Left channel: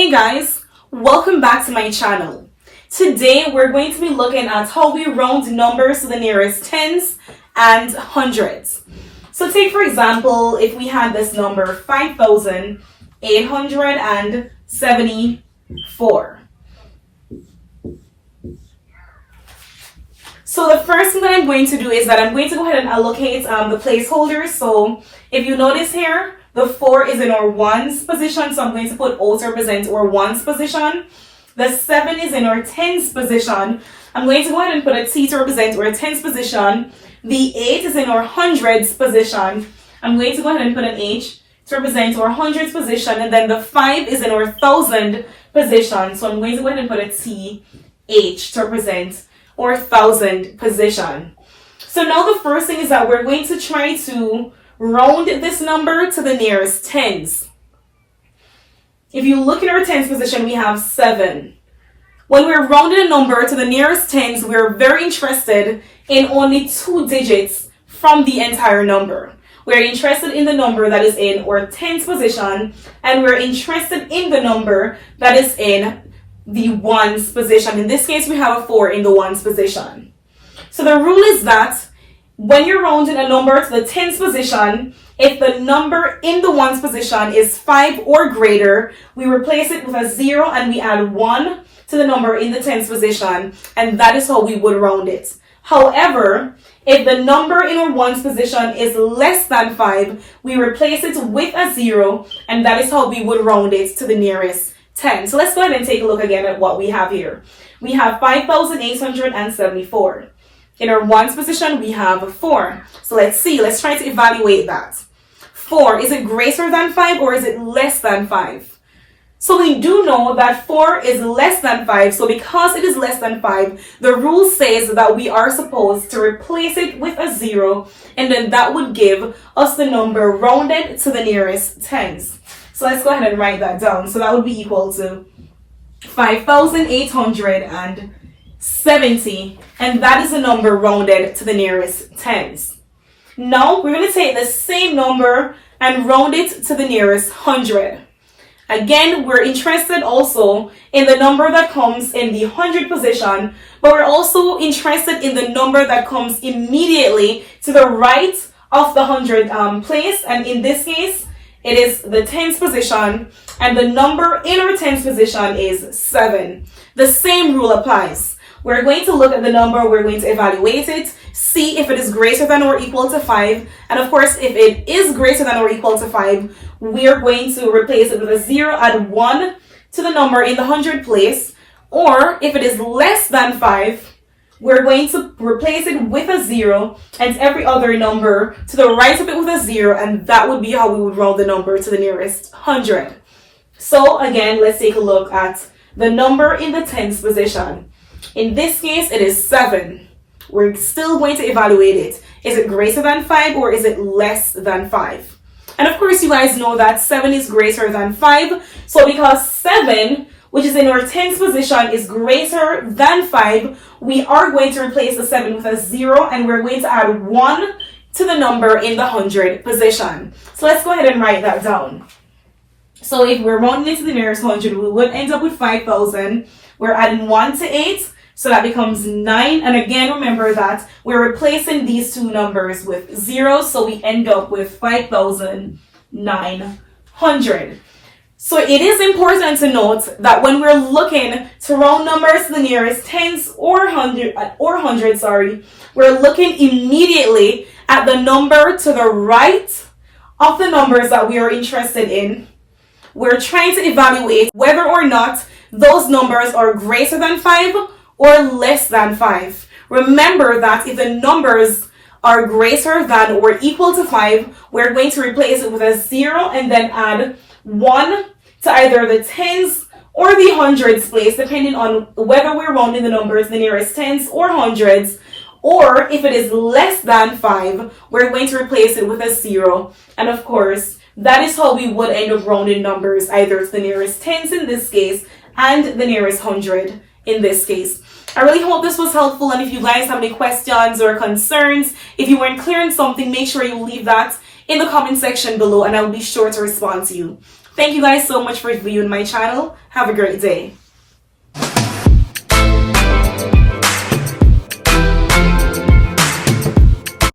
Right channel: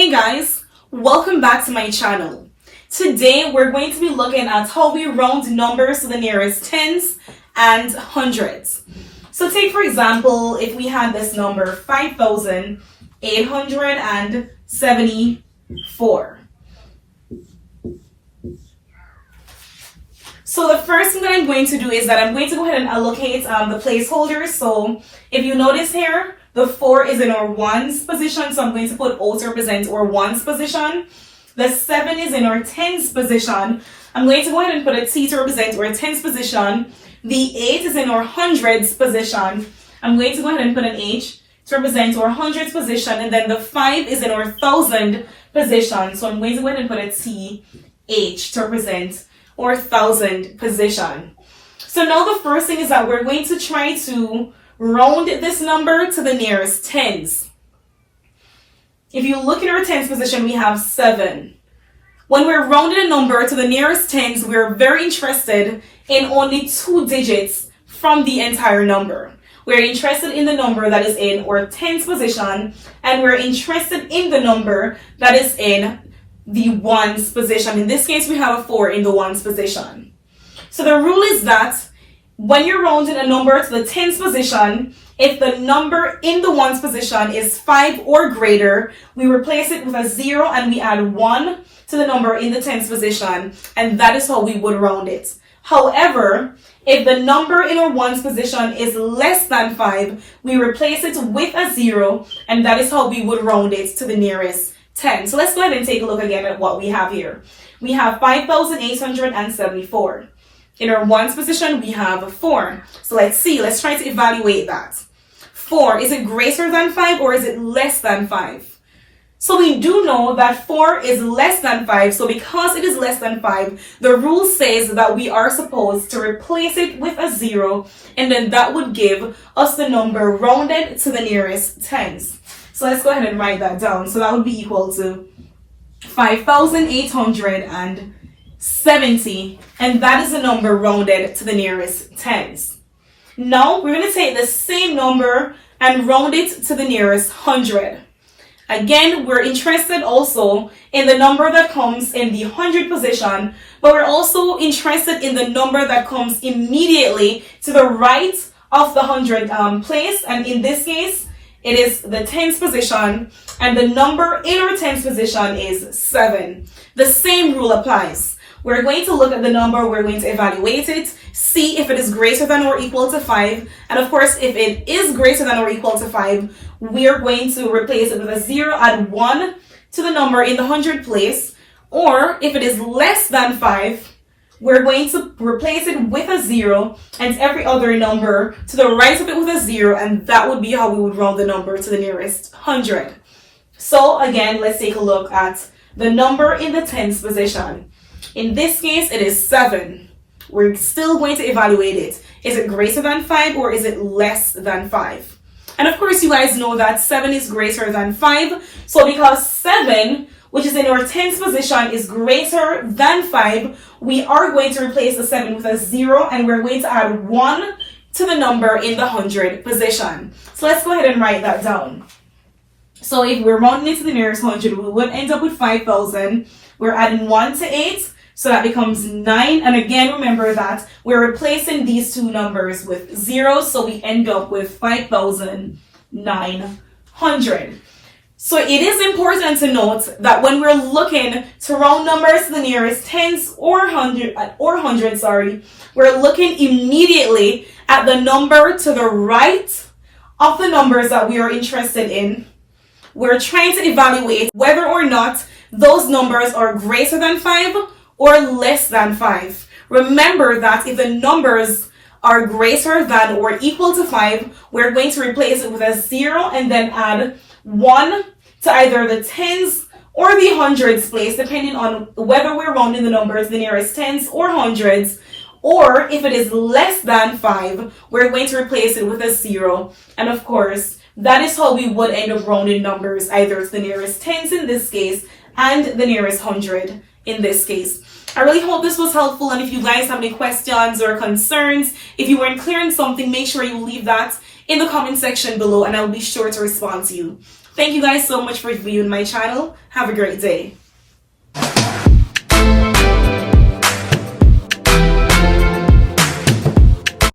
Hey guys, welcome back to my channel. Today we're going to be looking at how we round numbers to the nearest tens and hundreds. So take for example, if we had this number 5,874. So the first thing that I'm going to do is that I'm going to go ahead and allocate the placeholders. So if you notice here, the 4 is in our ones position, so I'm going to put O to represent our ones position. The 7 is in our tens position. I'm going to go ahead and put a T to represent our tens position. The 8 is in our hundreds position. I'm going to go ahead and put an H to represent our hundreds position. And then the 5 is in our thousand position. So I'm going to go ahead and put a T, H to represent our thousand position. So now the first thing is that we're going to try to round this number to the nearest tens. If you look at our tens position, we have 7. When we're rounding a number to the nearest tens, we're very interested in only 2 digits from the entire number. We're interested in the number that is in our tens position, and we're interested in the number that is in the ones position. In this case, we have a 4 in the ones position. So the rule is that when you're rounding a number to the tens position, if the number in the ones position is 5 or greater, we replace it with a 0 and we add 1 to the number in the tens position, and that is how we would round it. However, if the number in our ones position is less than 5, we replace it with a 0, and that is how we would round it to the nearest 10. So let's go ahead and take a look again at what we have here. We have 5,874. In our ones position, we have 4. So let's try to evaluate that. 4, is it greater than 5 or is it less than 5? So we do know that 4 is less than 5. So because it is less than 5, the rule says that we are supposed to replace it with a 0, and then that would give us the number rounded to the nearest tens. So let's go ahead and write that down. So that would be equal to 5,870, and that is the number rounded to the nearest tens. Now we're going to take the same number and round it to the nearest hundred. Again, we're interested also in the number that comes in the hundred position, but we're also interested in the number that comes immediately to the right of the hundred place, and in this case it is the tens position, and the number in our tens position is 7. The same rule applies. We're going to look at the number, we're going to evaluate it, see if it is greater than or equal to 5, and of course if it is greater than or equal to 5, we're going to replace it with a 0, add 1 to the number in the hundred place, or if it is less than 5, we're going to replace it with a 0 and every other number to the right of it with a 0, and that would be how we would round the number to the nearest hundred. So again, let's take a look at the number in the tens position. In this case, it is 7. We're still going to evaluate it. Is it greater than 5 or is it less than 5? And of course, you guys know that 7 is greater than 5. So because 7, which is in our tens position, is greater than 5, we are going to replace the 7 with a 0, and we're going to add 1 to the number in the hundred position. So let's go ahead and write that down. So if we're rounding it to the nearest hundred, we would end up with 5,000. We're adding 1 to 8, so that becomes 9. And again, remember that we're replacing these two numbers with 0, so we end up with 5,900. So it is important to note that when we're looking to round numbers to the nearest tens or hundreds, we're looking immediately at the number to the right of the numbers that we are interested in. We're trying to evaluate whether or not those numbers are greater than 5 or less than 5. Remember that if the numbers are greater than or equal to 5, we're going to replace it with a 0 and then add 1 to either the tens or the hundreds place, depending on whether we're rounding the numbers the nearest tens or hundreds. Or if it is less than 5, we're going to replace it with a 0. And of course, that is how we would end up rounding numbers, either to the nearest tens in this case and the nearest hundred in this case. I really hope this was helpful, and if you guys have any questions or concerns, if you weren't clear on something, make sure you leave that in the comment section below and I'll be sure to respond to you. Thank you guys so much for viewing my channel. Have a great day.